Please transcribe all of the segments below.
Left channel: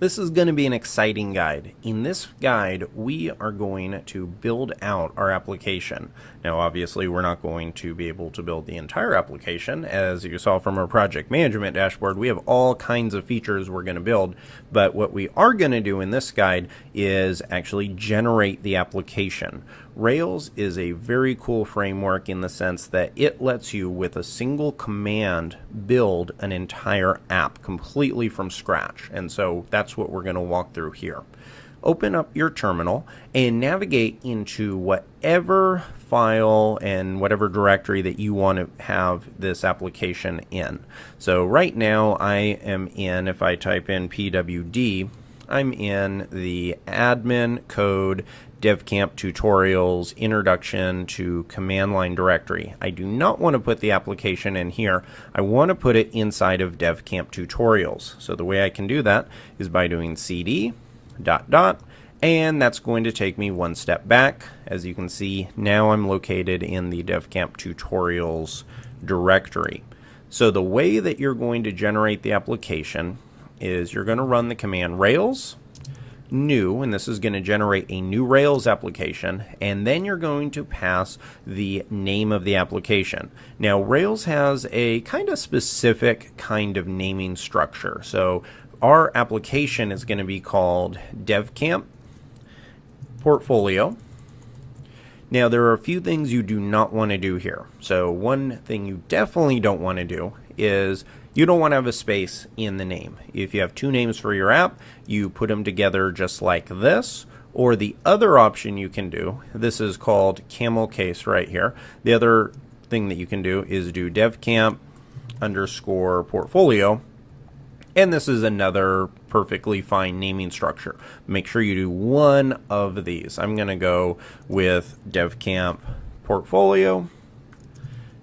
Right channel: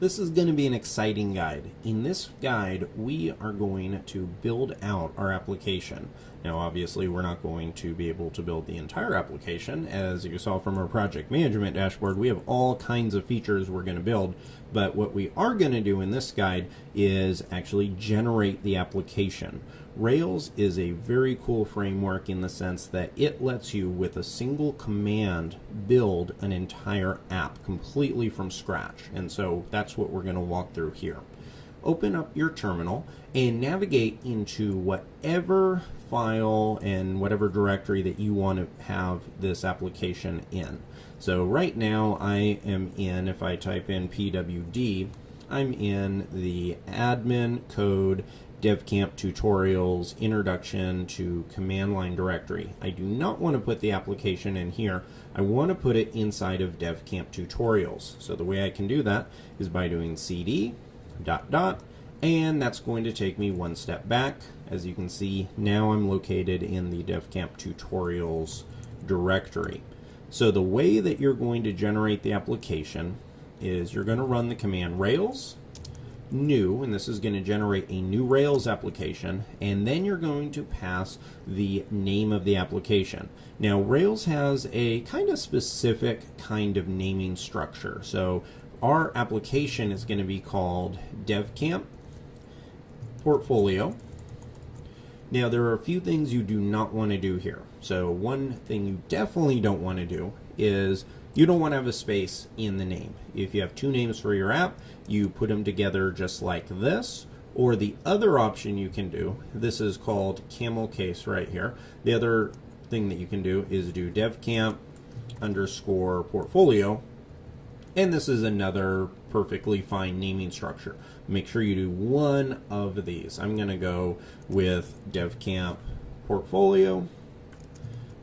This is going to be an exciting guide. In this guide, we are going to build out our application. Now, obviously, we're not going to be able to build the entire application. As you saw from our project management dashboard, we have all kinds of features we're going to build. But what we are going to do in this guide is actually generate the application. Rails is a very cool framework in the sense that it lets you, with a single command, build an entire app completely from scratch. And so that's what we're going to walk through here. Open up your terminal and navigate into whatever file and whatever directory that you want to have this application in. So right now I am in, if I type in pwd, I'm in the admin code DevCamp tutorials introduction to command line directory. I do not want to put the application in here. I want to put it inside of DevCamp tutorials. So the way I can do that is by doing cd ... and that's going to take me one step back. As you can see, now I'm located in the DevCamp tutorials directory. So the way that you're going to generate the application is you're going to run the command Rails new, and this is going to generate a new Rails application, and then you're going to pass the name of the application. Now, Rails has a kind of specific kind of naming structure. So our application is going to be called DevCamp Portfolio. Now, there are a few things you do not want to do here. So one thing you definitely don't want to do is you don't want to have a space in the name. If you have two names for your app, you put them together just like this. Or the other option you can do, this is called camel case right here. The other thing that you can do is do devcamp underscore portfolio. And this is another perfectly fine naming structure. Make sure you do one of these. I'm going to go with devcamp portfolio,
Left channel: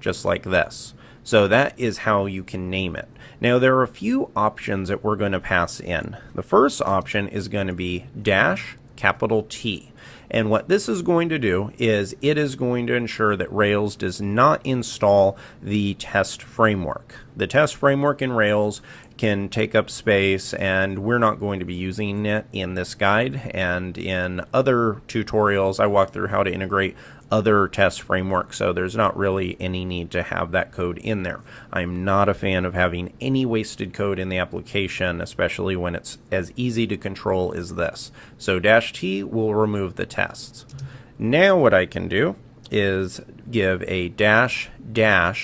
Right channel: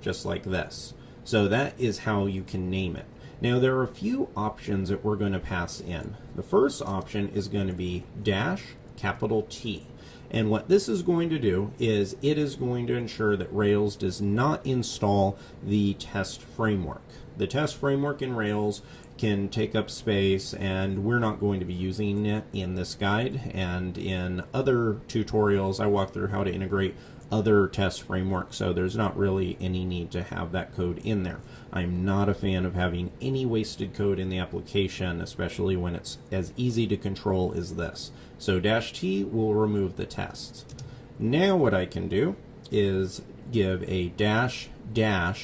just like this. So that is how you can name it. Now, there are a few options that we're going to pass in. The first option is going to be -T. And what this is going to do is it is going to ensure that Rails does not install the test framework. The test framework in Rails can take up space, and we're not going to be using it in this guide. And in other tutorials, I walk through how to integrate other test frameworks, so there's not really any need to have that code in there. I'm not a fan of having any wasted code in the application, especially when it's as easy to control as this. So -T will remove the tests. Now what I can do is give a --database,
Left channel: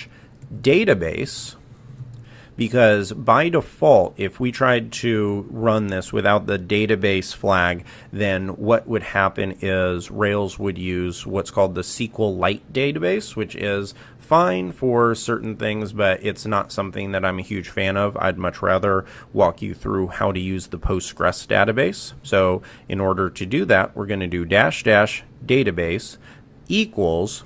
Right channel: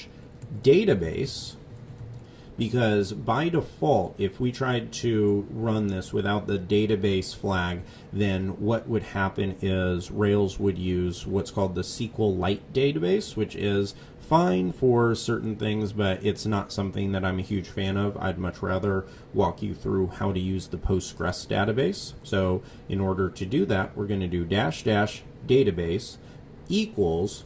because by default, if we tried to run this without the database flag, then what would happen is Rails would use what's called the SQLite database, which is fine for certain things, but it's not something that I'm a huge fan of. I'd much rather walk you through how to use the Postgres database. So in order to do that, we're going to do --database equals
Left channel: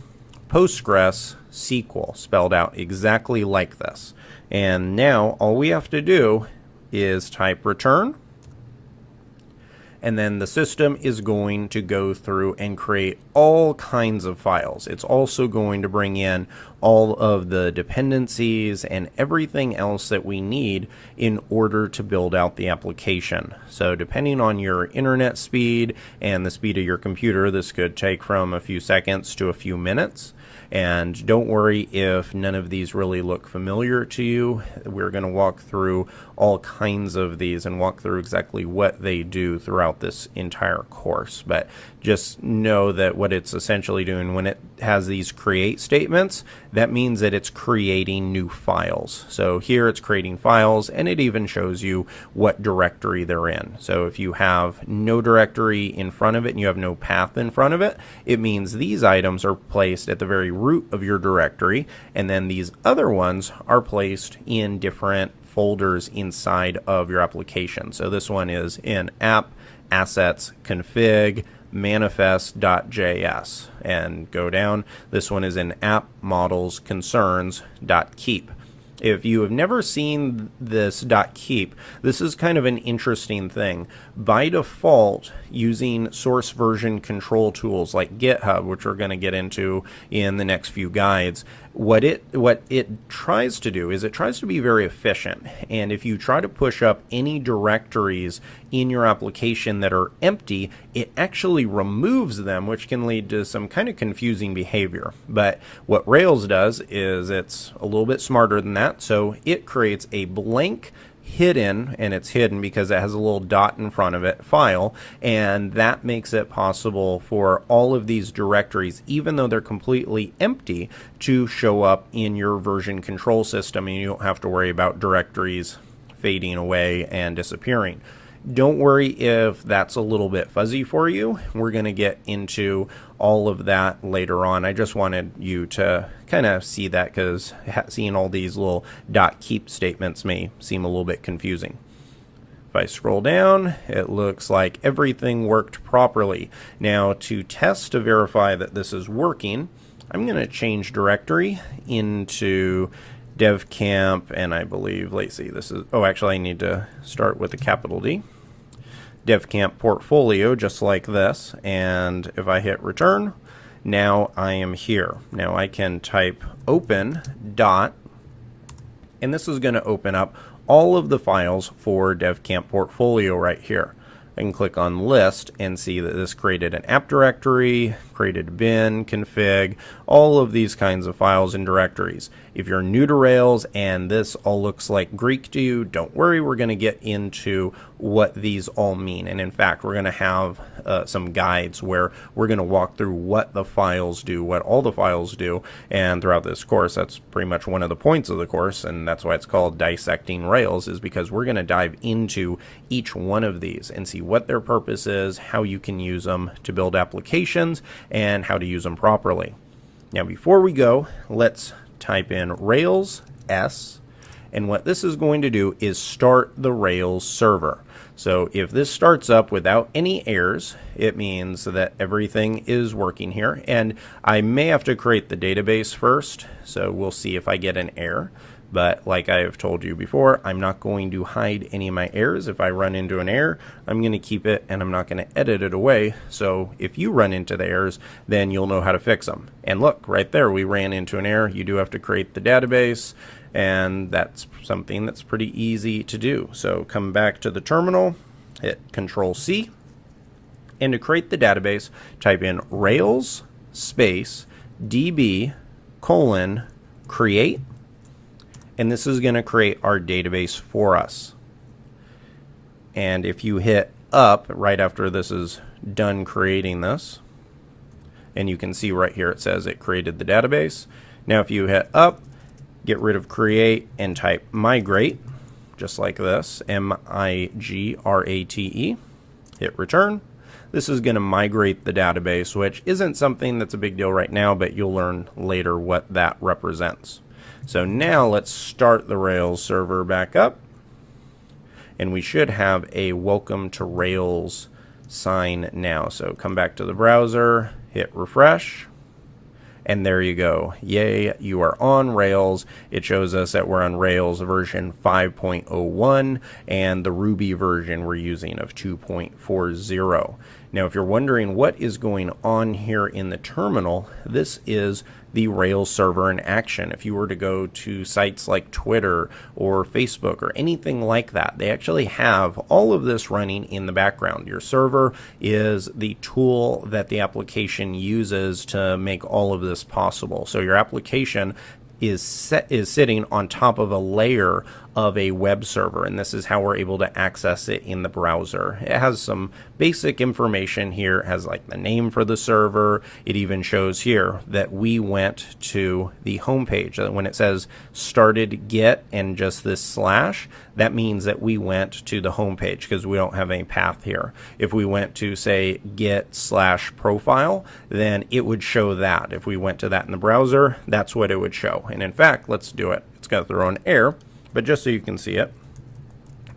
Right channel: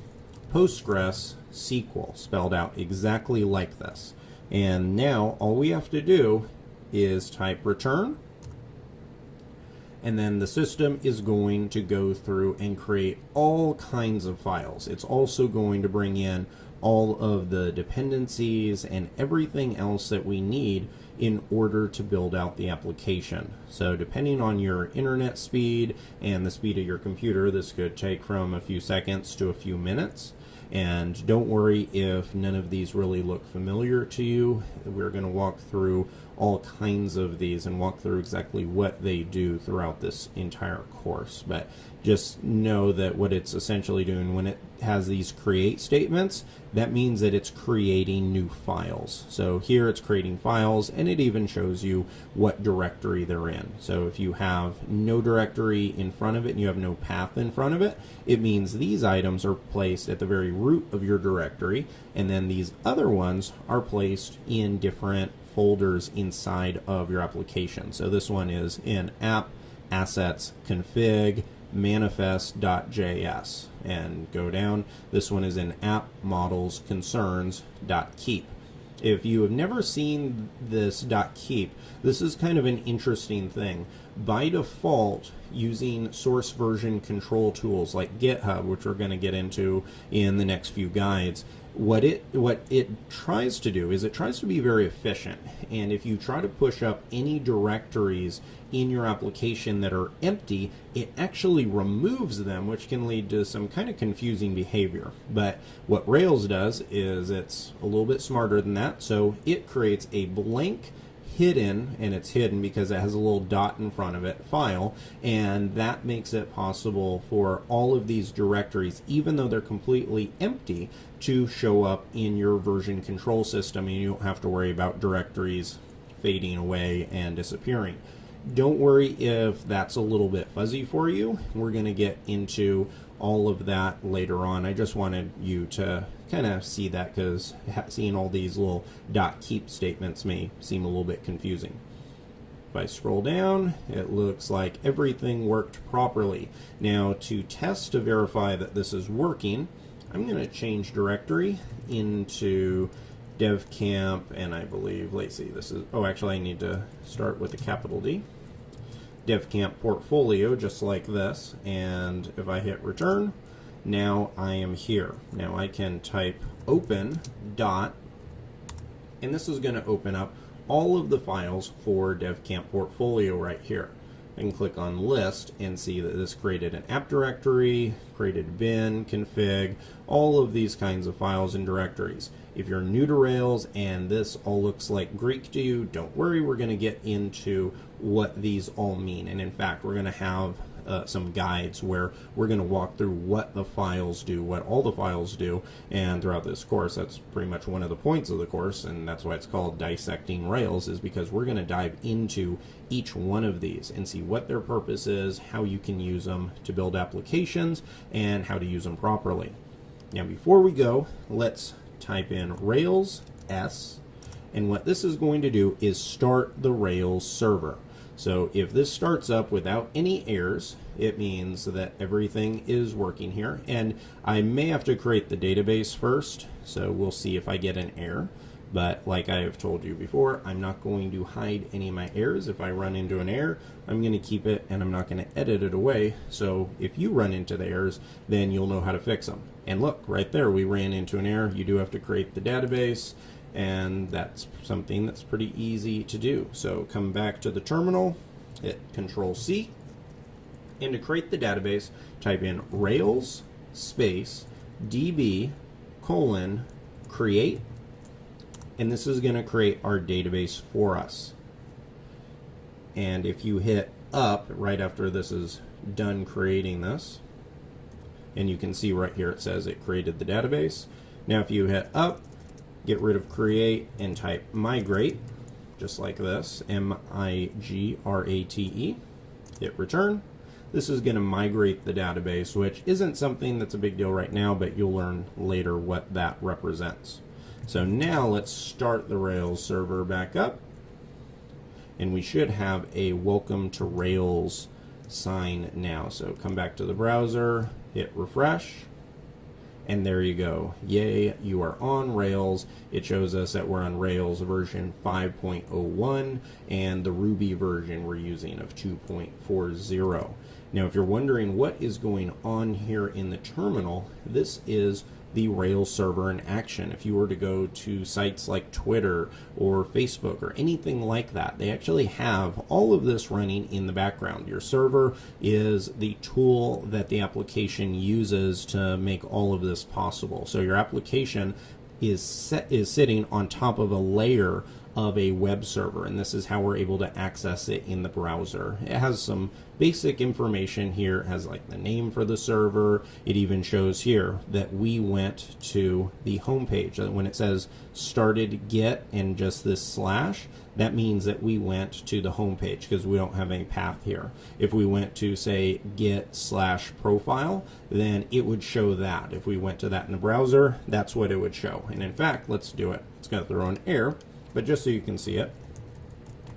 Postgres SQL, spelled out exactly like this. And now all we have to do is type return, and then the system is going to go through and create all kinds of files. It's also going to bring in all of the dependencies and everything else that we need in order to build out the application. So depending on your internet speed and the speed of your computer, this could take from a few seconds to a few minutes. And don't worry if none of these really look familiar to you. We're going to walk through all kinds of these and walk through exactly what they do throughout this entire course. But just know that what it's essentially doing when it has these create statements, that means that it's creating new files. So here it's creating files, and it even shows you what directory they're in. So if you have no directory in front of it and you have no path in front of it, it means these items are placed at the very root of your directory, and then these other ones are placed in different folders inside of your application. So this one is in app, assets, config, manifest.js, and go down. This one is in app, models, concerns.keep. If you have never seen this .keep, this is kind of an interesting thing. By default, using source version control tools like GitHub, which we're going to get into in the next few guides, What it tries to do is it tries to be very efficient, and if you try to push up any directories in your application that are empty, it actually removes them, which can lead to some kind of confusing behavior. But what Rails does is it's a little bit smarter than that, so it creates a blank hidden, and it's hidden because it has a little dot in front of it, file, and that makes it possible for all of these directories, even though they're completely empty, to show up in your version control system, and you don't have to worry about directories fading away and disappearing. Don't worry if that's a little bit fuzzy for you. We're going to get into all of that later on. I just wanted you to kind of see that because seeing all these little .keep statements may seem a little bit confusing. If I scroll down, it looks like everything worked properly. Now, to test to verify that this is working, I'm going to change directory into DevCamp, and I believe, let's see, this is, oh, actually I need to start with a capital D. DevCamp portfolio, just like this, and if I hit return, now I am here. Now I can type open dot, and this is going to open up all of the files for DevCamp portfolio right here. I can click on list and see that this created an app directory, created bin, config, all of these kinds of files and directories. If you're new to Rails and this all looks like Greek to you, don't worry, we're going to get into what these all mean. And in fact, we're going to have some guides where we're going to walk through what the files do, what all the files do, and throughout this course, that's pretty much one of the points of the course, and that's why it's called Dissecting Rails, is because we're going to dive into each one of these and see what their purpose is, how you can use them to build applications, and how to use them properly. Now, before we go, let's type in Rails S, and what this is going to do is start the Rails server. So if this starts up without any errors, it means that everything is working here. And I may have to create the database first, so we'll see if I get an error. But like I have told you before, I'm not going to hide any of my errors. If I run into an error, I'm going to keep it and I'm not going to edit it away. So if you run into the errors, then you'll know how to fix them. And look, right there, we ran into an error. You do have to create the database, and that's something that's pretty easy to do. So come back to the terminal, hit Control-C, and to create the database, type in Rails space db : create, and this is going to create our database for us. And if you hit up right after this is done creating this, and you can see right here it says it created the database. Now if you hit up, get rid of create and type migrate, just like this, M-I-G-R-A-T-E, hit return. This is going to migrate the database, which isn't something that's a big deal right now, but you'll learn later what that represents. So now let's start the Rails server back up, and we should have a welcome to Rails sign now. So come back to the browser, hit refresh, and there you go. Yay, you are on Rails. It shows us that we're on Rails version 5.01 and the Ruby version we're using of 2.40. Now, if you're wondering what is going on here in the terminal, this is the Rails server in action. If you were to go to sites like Twitter or Facebook or anything like that, they actually have all of this running in the background. Your server is the tool that the application uses to make all of this possible. So your application is sitting on top of a layer of a web server, and this is how we're able to access it in the browser. It has some basic information here. It has like the name for the server. It even shows here that we went to the home page. When it says started get and just this slash, that means that we went to the home page because we don't have any path here. If we went to say get/profile, then it would show that. If we went to that in the browser, that's what it would show. And in fact, let's do it. It's going to throw an error, but just so you can see it,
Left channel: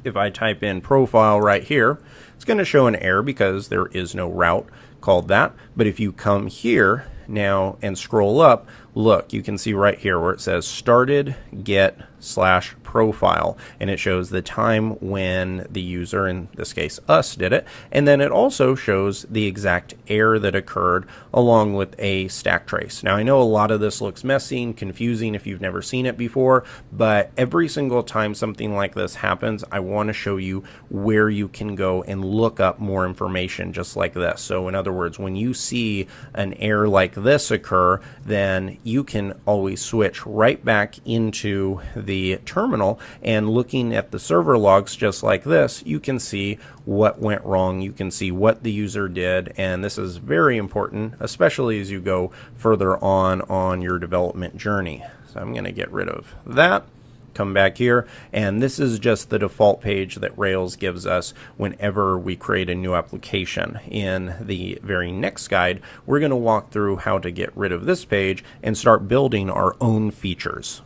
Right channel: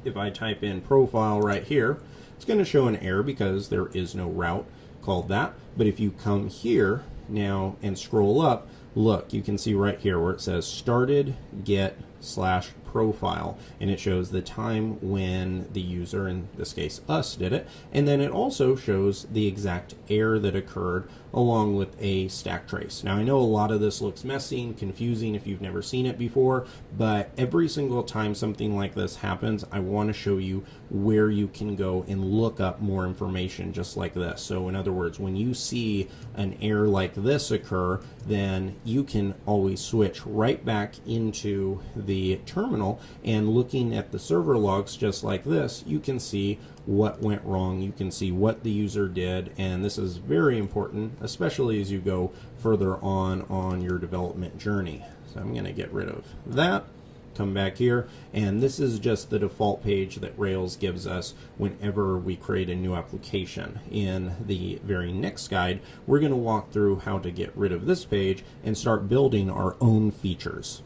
if I type in profile right here, it's going to show an error because there is no route called that. But if you come here now and scroll up, look, you can see right here where it says started get / profile, and it shows the time when the user, in this case us, did it, and then it also shows the exact error that occurred along with a stack trace. Now I know a lot of this looks messy and confusing if you've never seen it before, but every single time something like this happens, I want to show you where you can go and look up more information just like this. So in other words, when you see an error like this occur, then you can always switch right back into the terminal, and looking at the server logs just like this, you can see what went wrong, you can see what the user did, and this is very important, especially as you go further on your development journey. So I'm going to get rid of that. Come back here, and this is just the default page that Rails gives us whenever we create a new application. In the very next guide, we're going to walk through how to get rid of this page and start building our own features.